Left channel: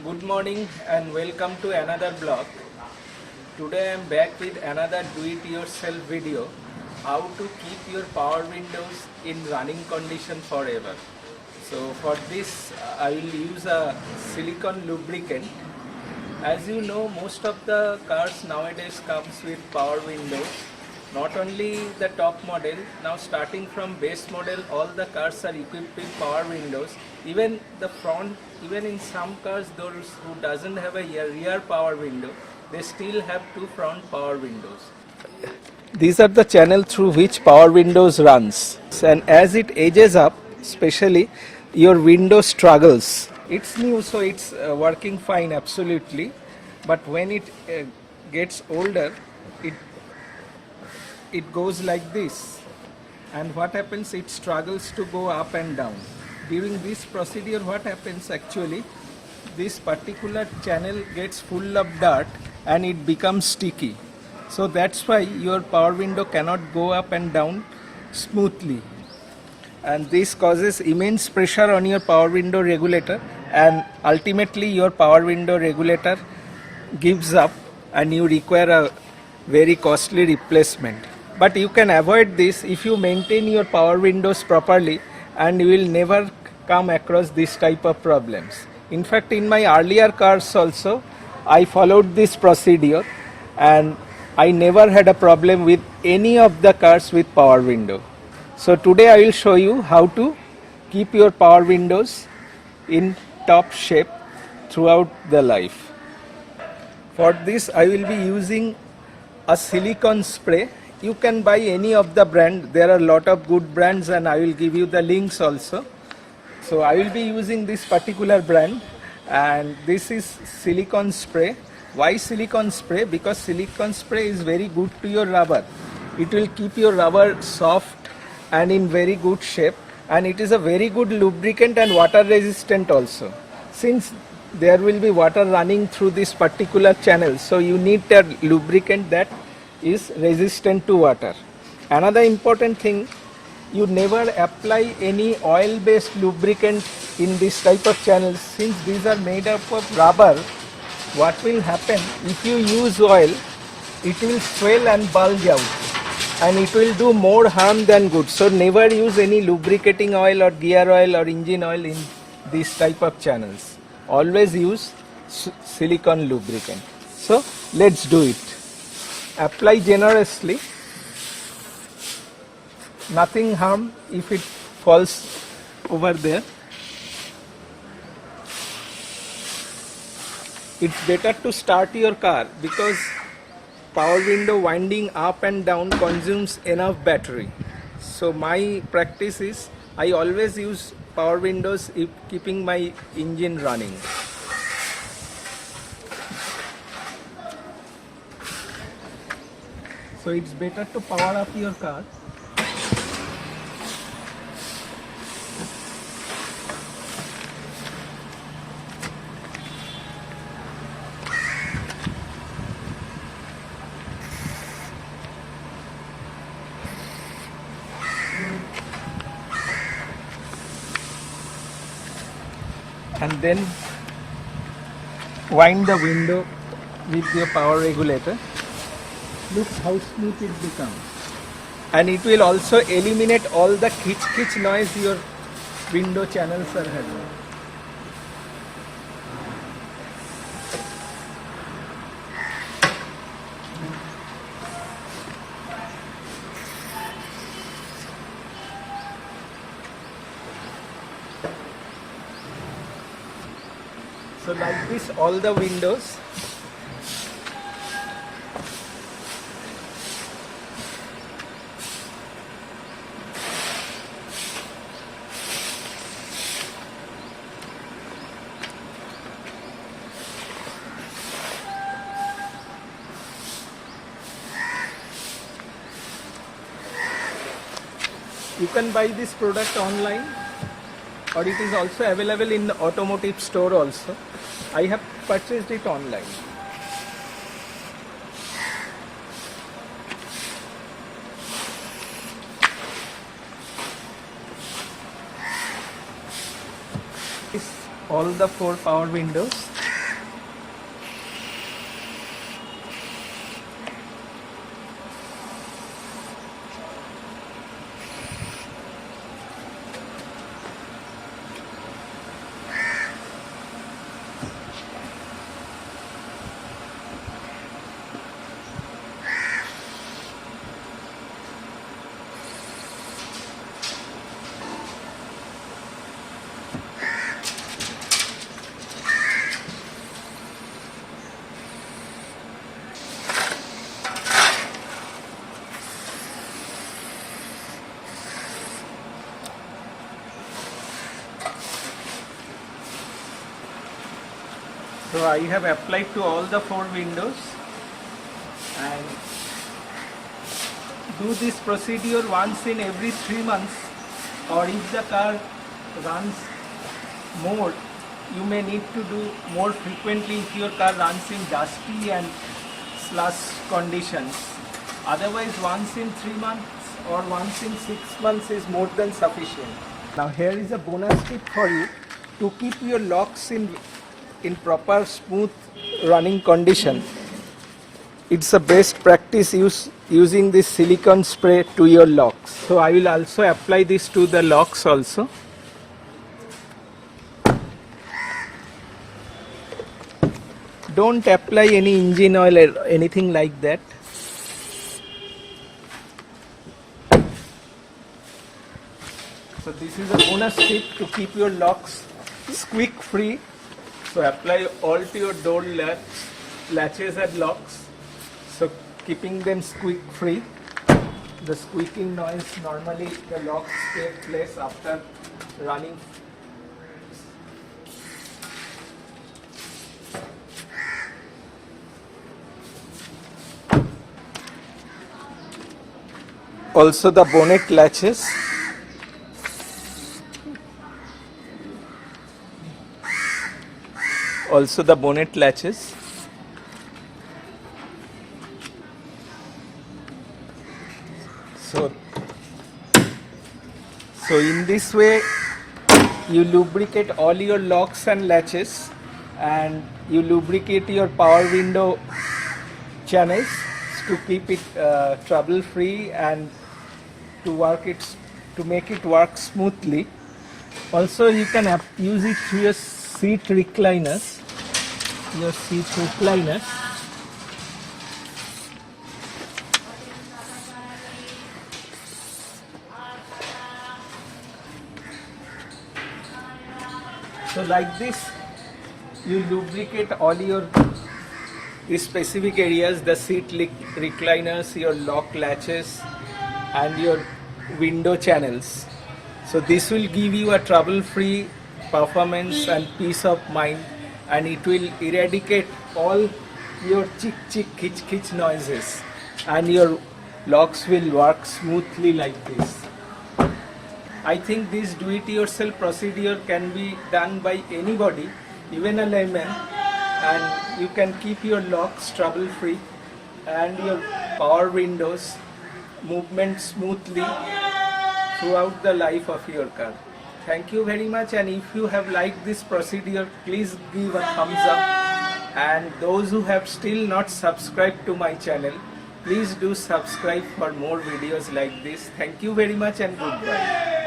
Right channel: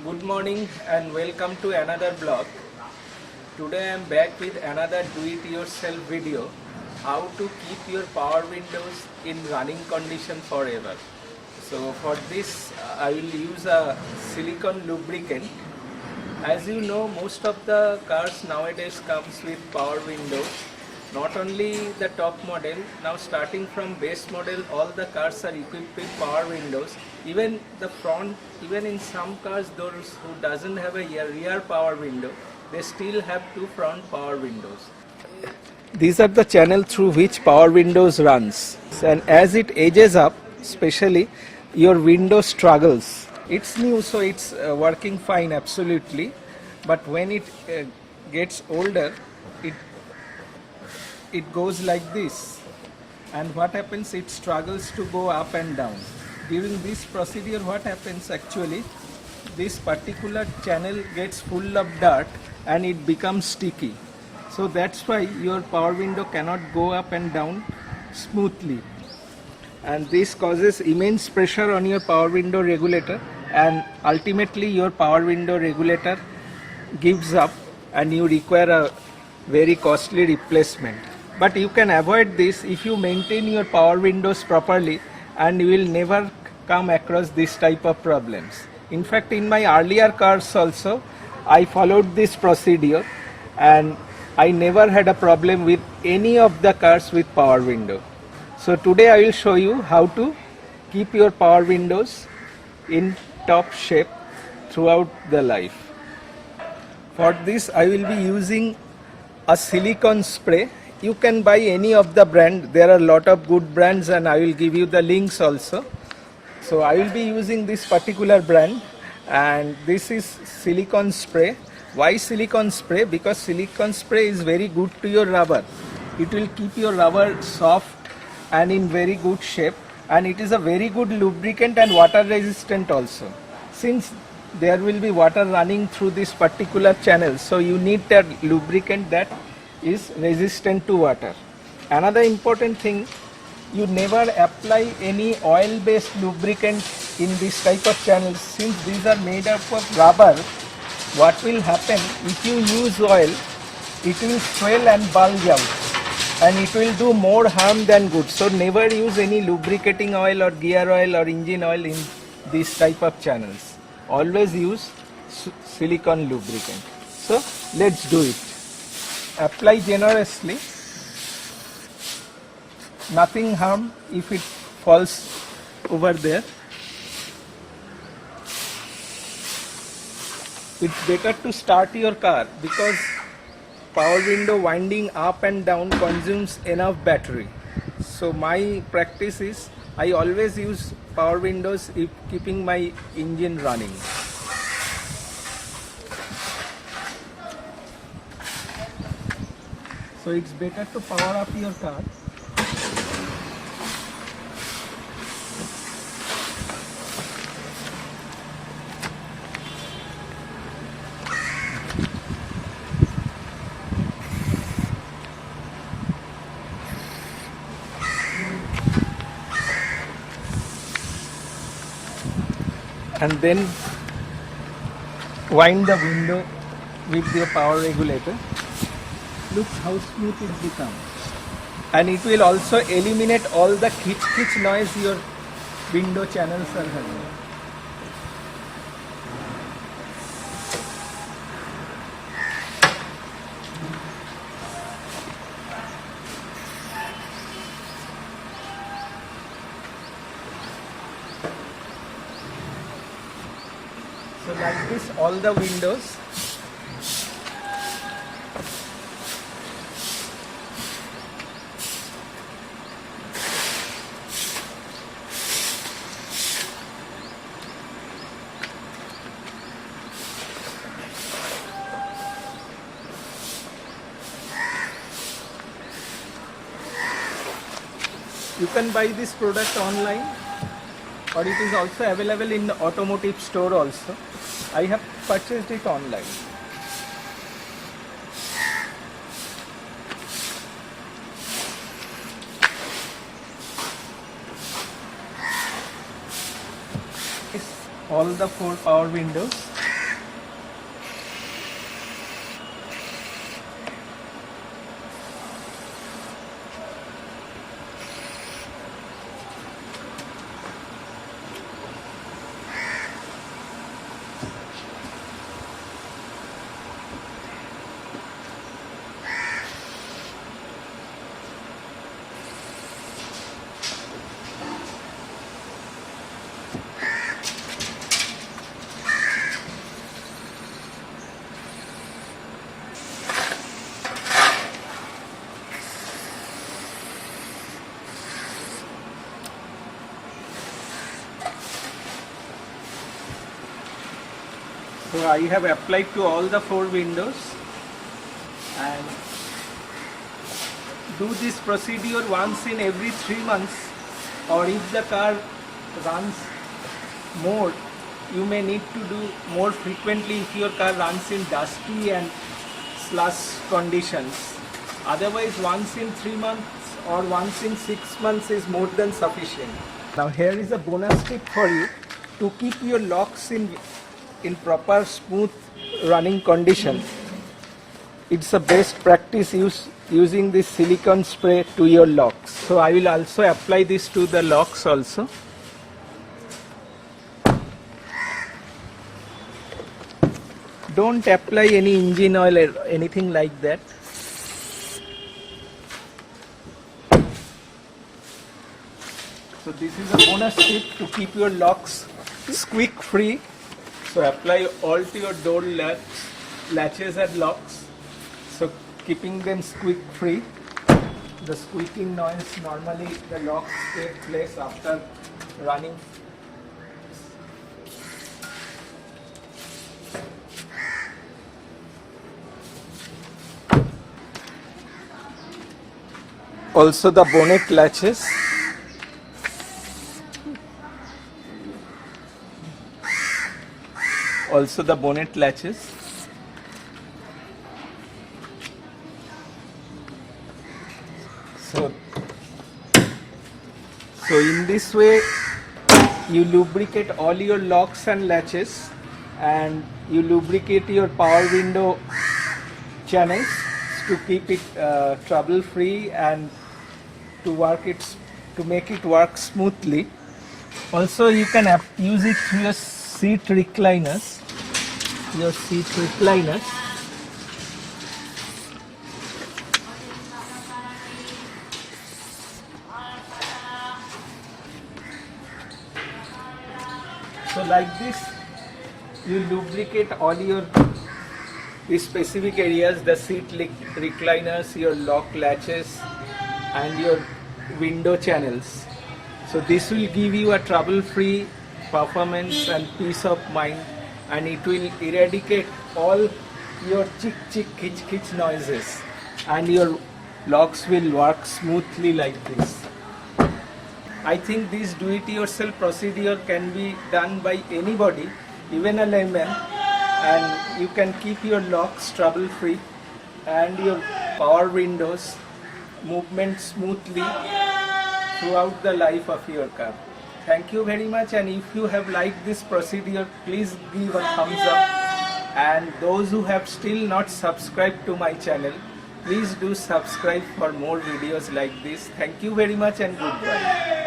Good morning and welcome to another blog. Today I am back with another do-it-yourself video, how to keep your power windows in running condition forever. So for this I will use a silicone lubricant. As you know, most of the cars nowadays comes with power windows. Not only the top model, now starting from base model, all the cars are equipped with power windows. Even the front, even in some cars, those who doesn't have a rear power window, they still have two front power windows. These are the channel through which power windows runs. And as it ages up, especially, your window struggles. It's new, so it's working fine, absolutely. But when it gets older, it goes like this, and what happens, it struggles to go up and down. During this procedure, what happens actually, this particular channel gets full of dirt and it becomes sticky. So that's why your power window cannot go up and down smoothly, and this causes immense pressure on your power window regulator, and ultimately your power window regulator gives up and you require a very costly replacement. But you can avoid this if you maintain your power windows properly, and you will never come across this type of problems. In fact, in my earlier cars also, I followed this procedure and I never had a problem with any of the cars with power window. So today I will show you how to keep your power windows in top shape throughout the life. For this I will be using a silicone spray. You can buy any of the brand. There are a lot of good brands and I will give you the links also. So I will be using this particular brand, and this is silicone spray. Why silicone spray? Because silicone spray is very good to your rubber. It will keep your rubber soft and in very good shape, and it is a very good lubricant and water resistant also. Since there will be water running through this particular channel, so you need a lubricant that is resistant to water. Another important thing, you never apply any oil based lubricant in this type of channels. Since these are made up of rubber, what will happen, if you use oil, it will swell and bulge out, and it will do more harm than good. So never use any lubricating oil or gear oil or engine oil in this type of channels. Always use silicone lubricant. So let's do it. Apply generously, nothing harm if it falls over there. It's better to start your car because power window winding up and down consumes enough battery. So my practice is I always use power windows if keeping my engine running. So it's better to power up your car. And then wind the window with your power regulator. Look how smooth it becomes. And it will also eliminate all the kitch noise your window channels are having. So like this, all the windows. You can buy this product online, or it is also available in the automotive store also. I have purchased it online. All the 4 power windows. So I have applied to all the 4 windows, and do this procedure once in every 3 months, or if the car runs more, you may need to do more frequently if your car runs in dusty and slush conditions. Otherwise, once in 3 months or once in 6 months is more than sufficient. Now here is a bonus tip for you to keep your locks in proper smooth running condition. It's a best practice using this silicone spray to your locks. So I will also apply this to the locks also. Don't apply any engine oil or anything like that. So this is a bonus tip to keep your locks squeak free. So apply all to your door latches and locks. So keeping them squeak free. The squeaking noise, normally the locks take place after running. Also the bonnet latches. Also the bonnet latches. So in this way you lubricate all your locks and latches, and you lubricate your power window channels to keep it trouble free and to make it work smoothly. Also you can use it to your seat recliners. So like this, you lubricate all your these specific areas, the seat recliners, your lock latches, and your window channels. So this will give you a trouble-free performance and peace of mind, and it will eradicate all your chick khich noises, and your locks will work smoothly like this. I think this do-it-yourself procedure can be done by anybody, even a layman, and you can keep your locks trouble-free and your power windows movement smoothly throughout the life of your car. Thank you very much, and if you have liked this procedure, please give a thumbs up, and those who have still not subscribed to my channel, please do subscribe for more videos like this. Thank you very much and goodbye.